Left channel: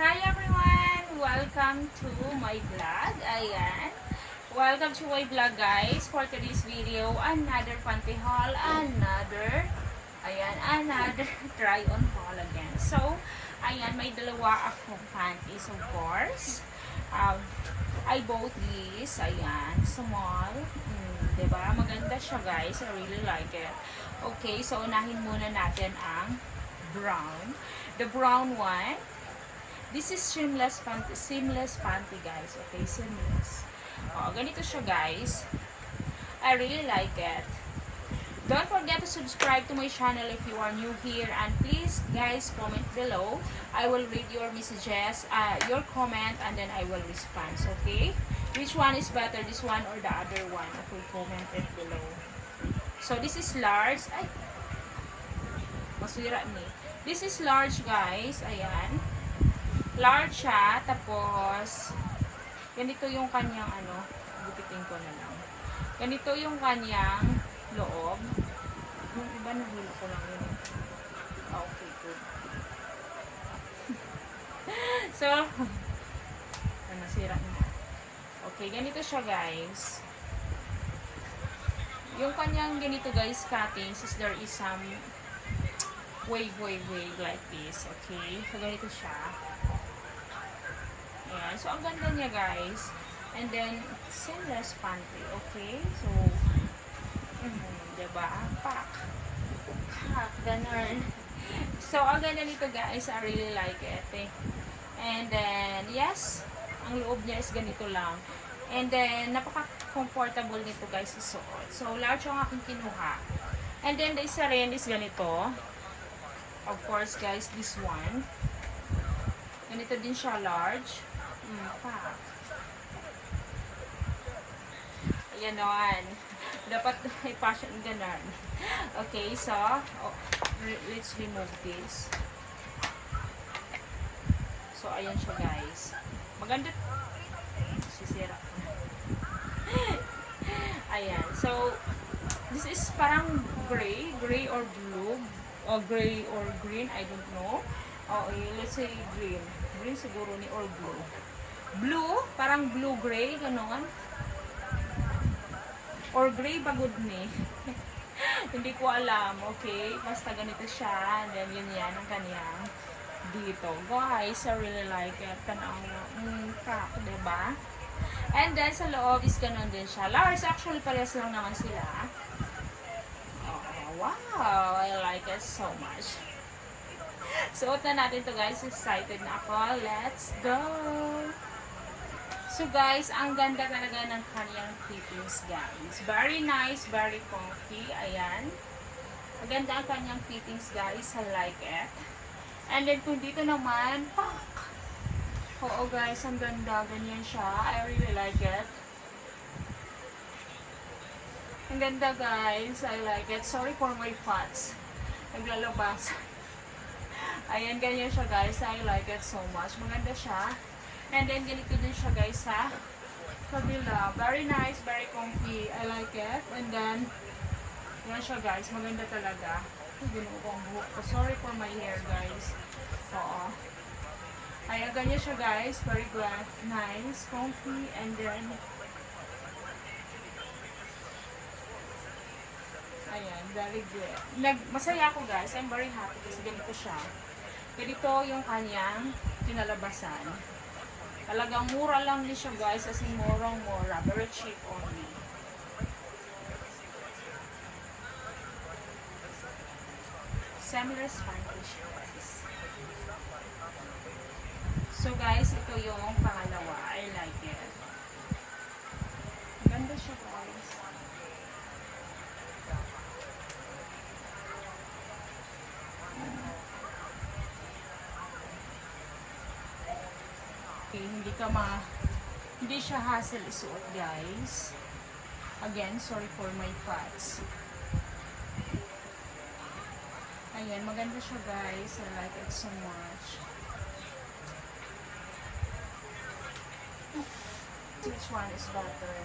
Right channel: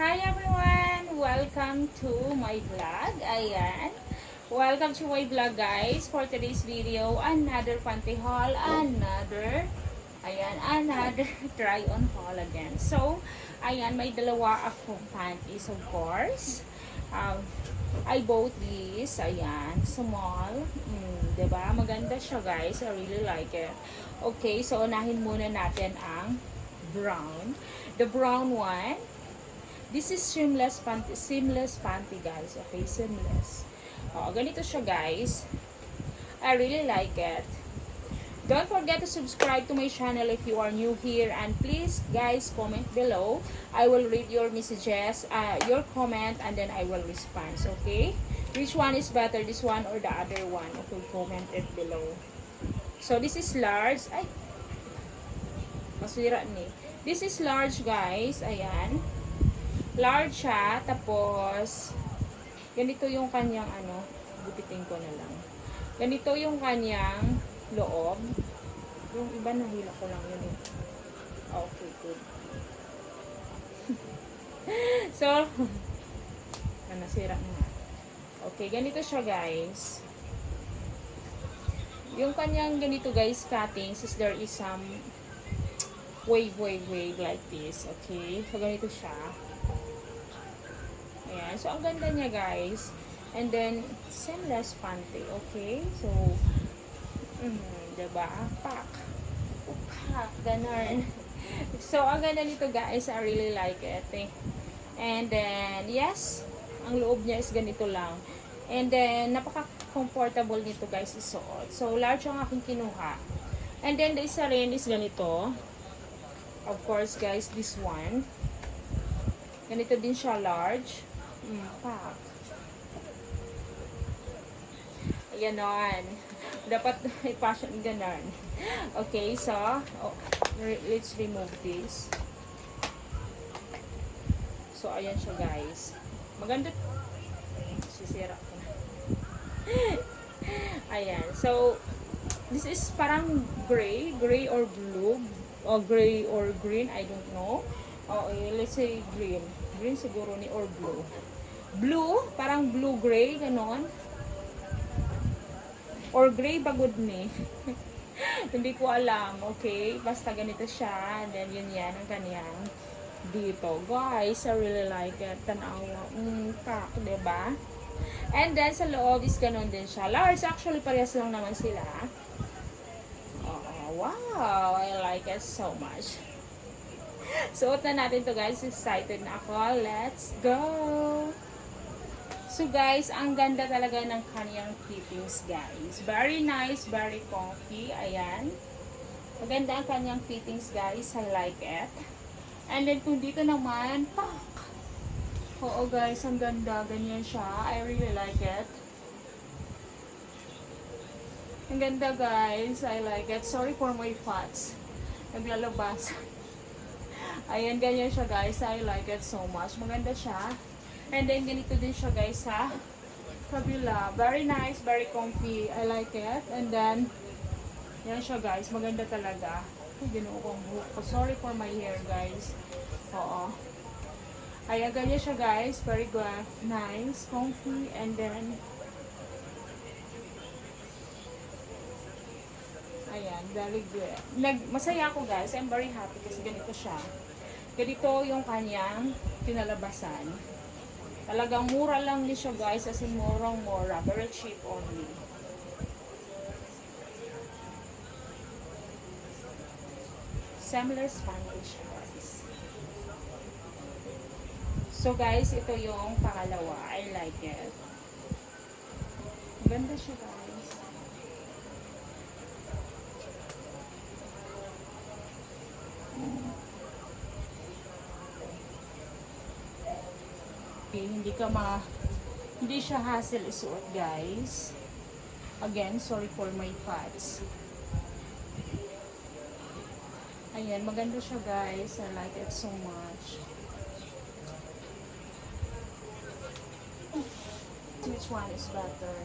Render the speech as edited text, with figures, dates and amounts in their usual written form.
Hi everyone! Welcome to my vlog. Ayan. Welcome to my vlog guys. For today's video, another panty haul. Another try on haul again. So, ayan, may dalawa akong panties of course. I bought this. Ayan, small. Diba? Maganda siya guys. I really like it. Okay, so unahin muna natin ang brown. The brown one. This is seamless panty guys. Okay, seamless. Ganito siya guys. I really like it. Don't forget to subscribe to my channel if you are new here, and please guys comment below. I will read your messages, your comment, and then I will respond. Okay? Which one is better, this one or the other one? Okay, comment it below. So this is large. Ay, masira ni. This is large guys. Ayan. Large siya, tapos ganito yung kanyang gupitin ko na lang. Ganito yung kanyang loob. Yung iba nahila ko lang yun. Okay, good. So, nasira na. Okay, ganito siya guys. Yung kanyang ganito guys, cuttings is there is some wave like this. Okay, so ganito siya. Ayan. So, ang ganda niya, guys. And then, seamless panty. Okay? So, diba? Pak. Ganun. So, ang ganda nito, guys. I really like it. And then, yes, ang loob niya is ganito lang. And then, napaka-comfortable nito, guys, isuot. So, large ang aking kinuha. And then, the isa rin is ganito. Of course, guys, this one. Ganito din siya, large. Pak. Ayan naman. Dapat i-fashion ganon. Okay, so, let's remove this. So, ayan siya guys. Maganda. Sisira ko na. Ayan. So, this is parang gray or blue. Or gray or green. I don't know. Okay, let's say green. Green siguro ni or blue. Blue, parang blue-gray, ganon. Or gray bagod ni. Hindi ko alam, okay? Basta ganito siya. And then, yun yan ang kaniyang dito. Guys, I really like it. Tanawa. Pak, diba? And then, sa loob is ganon din siya. Large, actually, parehas lang naman sila. Oh, wow! I like it so much. Suot na natin to guys. Excited na ako. Let's go! So guys, ang ganda talaga ng kanyang fittings guys. Very nice, very comfy. Ayan. Maganda ang kanyang fittings guys. I like it. And then kung dito naman, pak! Oo guys, ang ganda. Ganyan siya. I really like it. Ang ganda guys. I like it. Sorry for my fats. Naglalabas. Ayan, ganyan siya guys. I like it so much. Maganda siya. And then, ganito din siya guys sa kabila. Very nice, very comfy. I like it. And then, yan siya guys. Maganda talaga. Ginuo ko ang buhok ko. Sorry for my hair guys. Oo. Ayan, ganyan siya guys. Very good. Nice, comfy. And then, ayan, very good. Masaya ako guys. I'm very happy kasi ganito siya. Ganito yung kanyang pinalabasan. Talagang mura lang din siya guys. As in murang-mura. Very cheap only. Seamless panty siya guys. So guys, ito yung pangalawa. I like it. Ganda siya guys. Okay, hindi siya hassle isuot guys. Again, sorry for my fats. Ayan, maganda siya guys. I like it so much. Which one is better?